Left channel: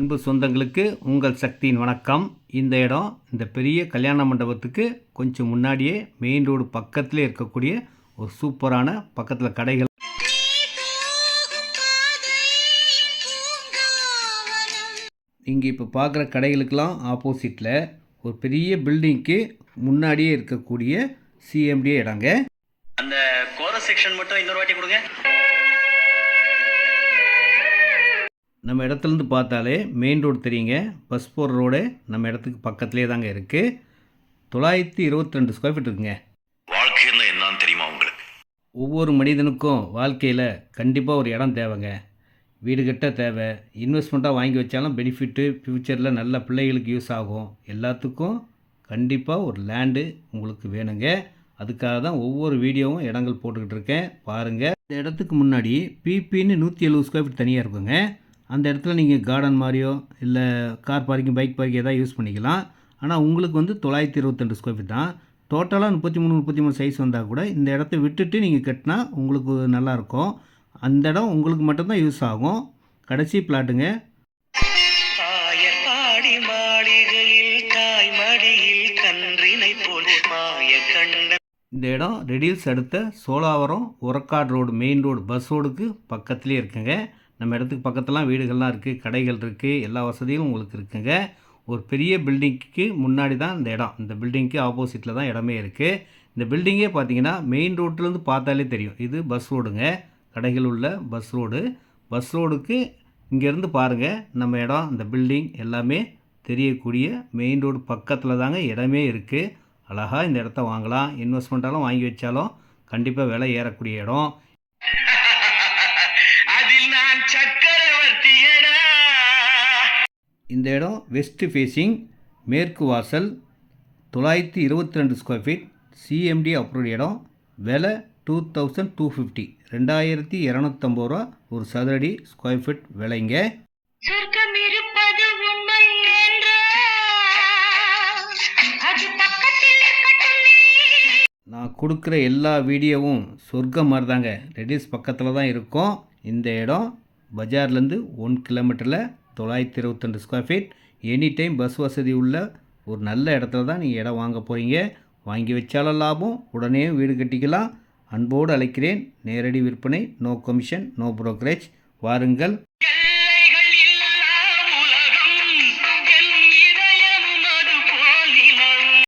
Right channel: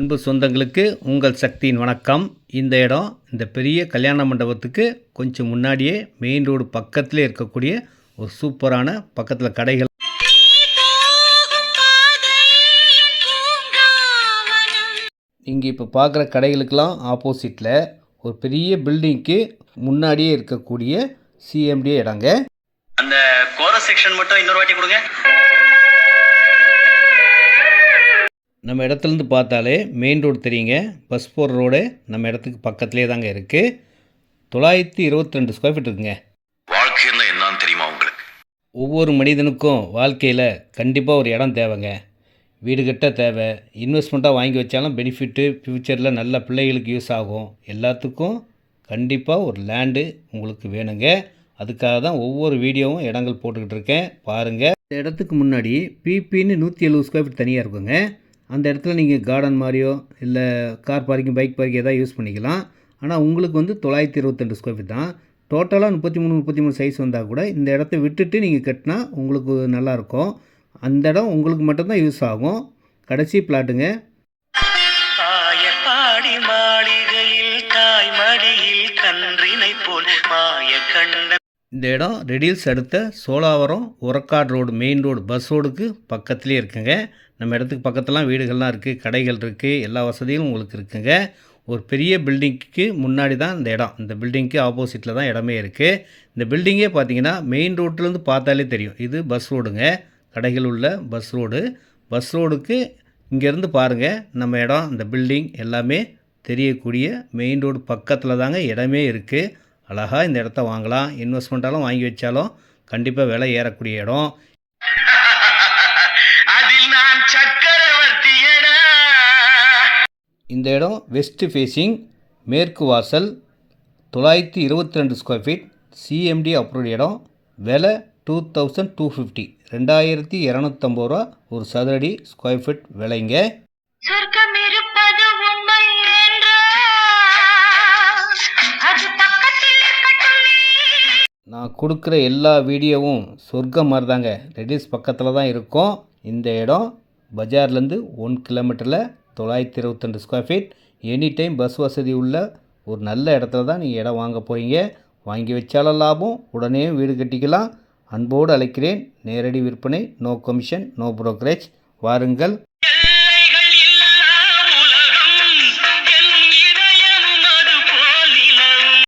அன்பு சொந்தங்களுக்கு உங்கள் சக்தியின் வணக்கம். இந்த இடம் இந்த பெரிய கல்யாண மண்டபத்துக்கு கொஞ்சம் முன்னாடியே மெயின் ரோடு பக்கத்திலே இருக்கக்கூடிய ஒரு சூப்பரான பக்கத்தில் கடைகள். நீங்கள் இப்போ பார்க்குற கடைகளுக்கெல்லாம் ஆப்போசிட்டில் ஒரு பெரிய பில்டிங்க்கு முன்னாடியே இருக்கக்கூடிய சிஎம்டிஏ இடங்க. அந்த கோரஸ் செக்ஷன் மட்டும் இன்னொரு வாட்டி கொடுங்க. நம்ம இடத்துலேருந்து பார்த்தாலே மெயின் ரோடு தெரியுங்க. பஸ் போகிற ரோடு நம்ம இடத்துக்கு பக்கத்துலேயே தாங்க இருக்குது. 922 ஸ்கொயர் ஃபீட் இருக்குங்க. வாழ்க்கைன்னா என்னன்னு தெரியுமா உங்களுக்கு? ஒவ்வொரு மனிதனுக்கும் வாழ்க்கையில் கண்டிப்பாக ஒரு இடம் தேவைங்க. வீடு கட்ட தேவை, இன்வெஸ்ட்மெண்ட்டாக வாங்கி வச்சாலும் பெனிஃபிட்டு, ஃப்யூச்சரில் நல்ல பிள்ளைகளுக்கு யூஸ் ஆகும். எல்லாத்துக்கும் கண்டிப்பாக ஒரு லேண்டு உங்களுக்கு வேணுங்க. அதுக்காக தான் ஒவ்வொரு வீடியோவும் இடங்கள் போட்டுக்கிட்டு இருக்கேன், பாருங்கள். இந்த இடத்துக்கு முன்னாடி பிபின்னு 170 ஸ்கொயர் ஃபீட் தனியாக இருக்குங்க. அந்த இடத்துல நீங்கள் கார்டன் மாதிரியோ இல்லை கார் பார்க்கிங், பைக் பார்க்கிங் எதாவது யூஸ் பண்ணிக்கலாம். ஆனால் உங்களுக்கு வந்து 922 ஸ்கொயர் ஃபீட் தான். டோட்டலாக 33 சைஸ் வந்தால் கூட இந்த இடத்த விட்டுட்டு நீங்கள் கட்டினா உங்களுக்கு நல்லாயிருக்கும். அந்த இடம் உங்களுக்கு மட்டும்தான் யூஸ் ஆகும். கடைசி பிளாட்டுங்க. இந்த இடம் ரெடில்ஸ் அடுத்த Cholavaram Urakkadu road main road bus ரோடுக்கு பக்கத்துலேயே இருக்குங்க. நம்ம இடத்துக்கு பக்கத்துலாம் வீடுகள்லாம் இருக்குது, கடைகள் இருக்குது, எல்லா வசதியும் உங்களுக்கு இருக்குங்க. ஒரு பெரிய பில்டிங்க்கு முன்னாடி தான் இந்த இடம். இந்த பில்டிங்க்கு ஆப்போசிட்டில் தான் இடமே இருக்குது. இந்த பில்டிங்கே பார்த்தீங்கன்னா மெயின் ரோட்லேருந்து பார்த்தாலே தெரியும். இது பஸ் ரோடுங்க, கடைகள் உள்ள பஸ் ரோடு. பஸ் ரோடுக்கு இங்கேருந்து பாருங்கள் நம்ம இடம், இந்த பில்டிங் எல்லாமே தெரியக்கூடிய மெயின் ரோடு பக்கத்தில் தாங்க இடமே இருக்குது. அழகாக இந்த இடத்த வாங்கலாம். இன்வெஸ்ட்மெண்ட்டாலும் வாங்கி வச்சாலும் கண்டிப்பாக விலை ஏறக்கூடிய இடம். இந்த இடம் வெஸ்ட் ஃபேஸிங், மேற்கு வாசல், 922 ஸ்கொயர் ஃபீட், சிஎம்டி அப்ரூவ்ட் இடம். விலை 2250, 2250 ரூபா ஒரு சதுரடி ஸ்கொயர் ஃபீட் விலைங்க. நான் கொடுக்குற எல்லா வீடியோவும் சொர்க்கம் மாதிரி தாங்க. ரெடில்ஸ் பக்கத்தில் தான் இருக்கும். இந்த இடம் பஜார்லேருந்து 1 கிலோமீட்டரில் 922 square feet, any time bus வசதி உள்ள ஒரு நல்ல இடத்துல தான் நீங்கள் இடம் வாங்க போகிறீங்க. வாங்கி வச்சாலும் லாபம், உடனே வீடு கட்டிக்கலாம். அன்போடு அழைக்கிறேன். நேரடி விற்பனை, நோ கமிஷன், நோ புரோக்கரேஜ். வாருங்கள்.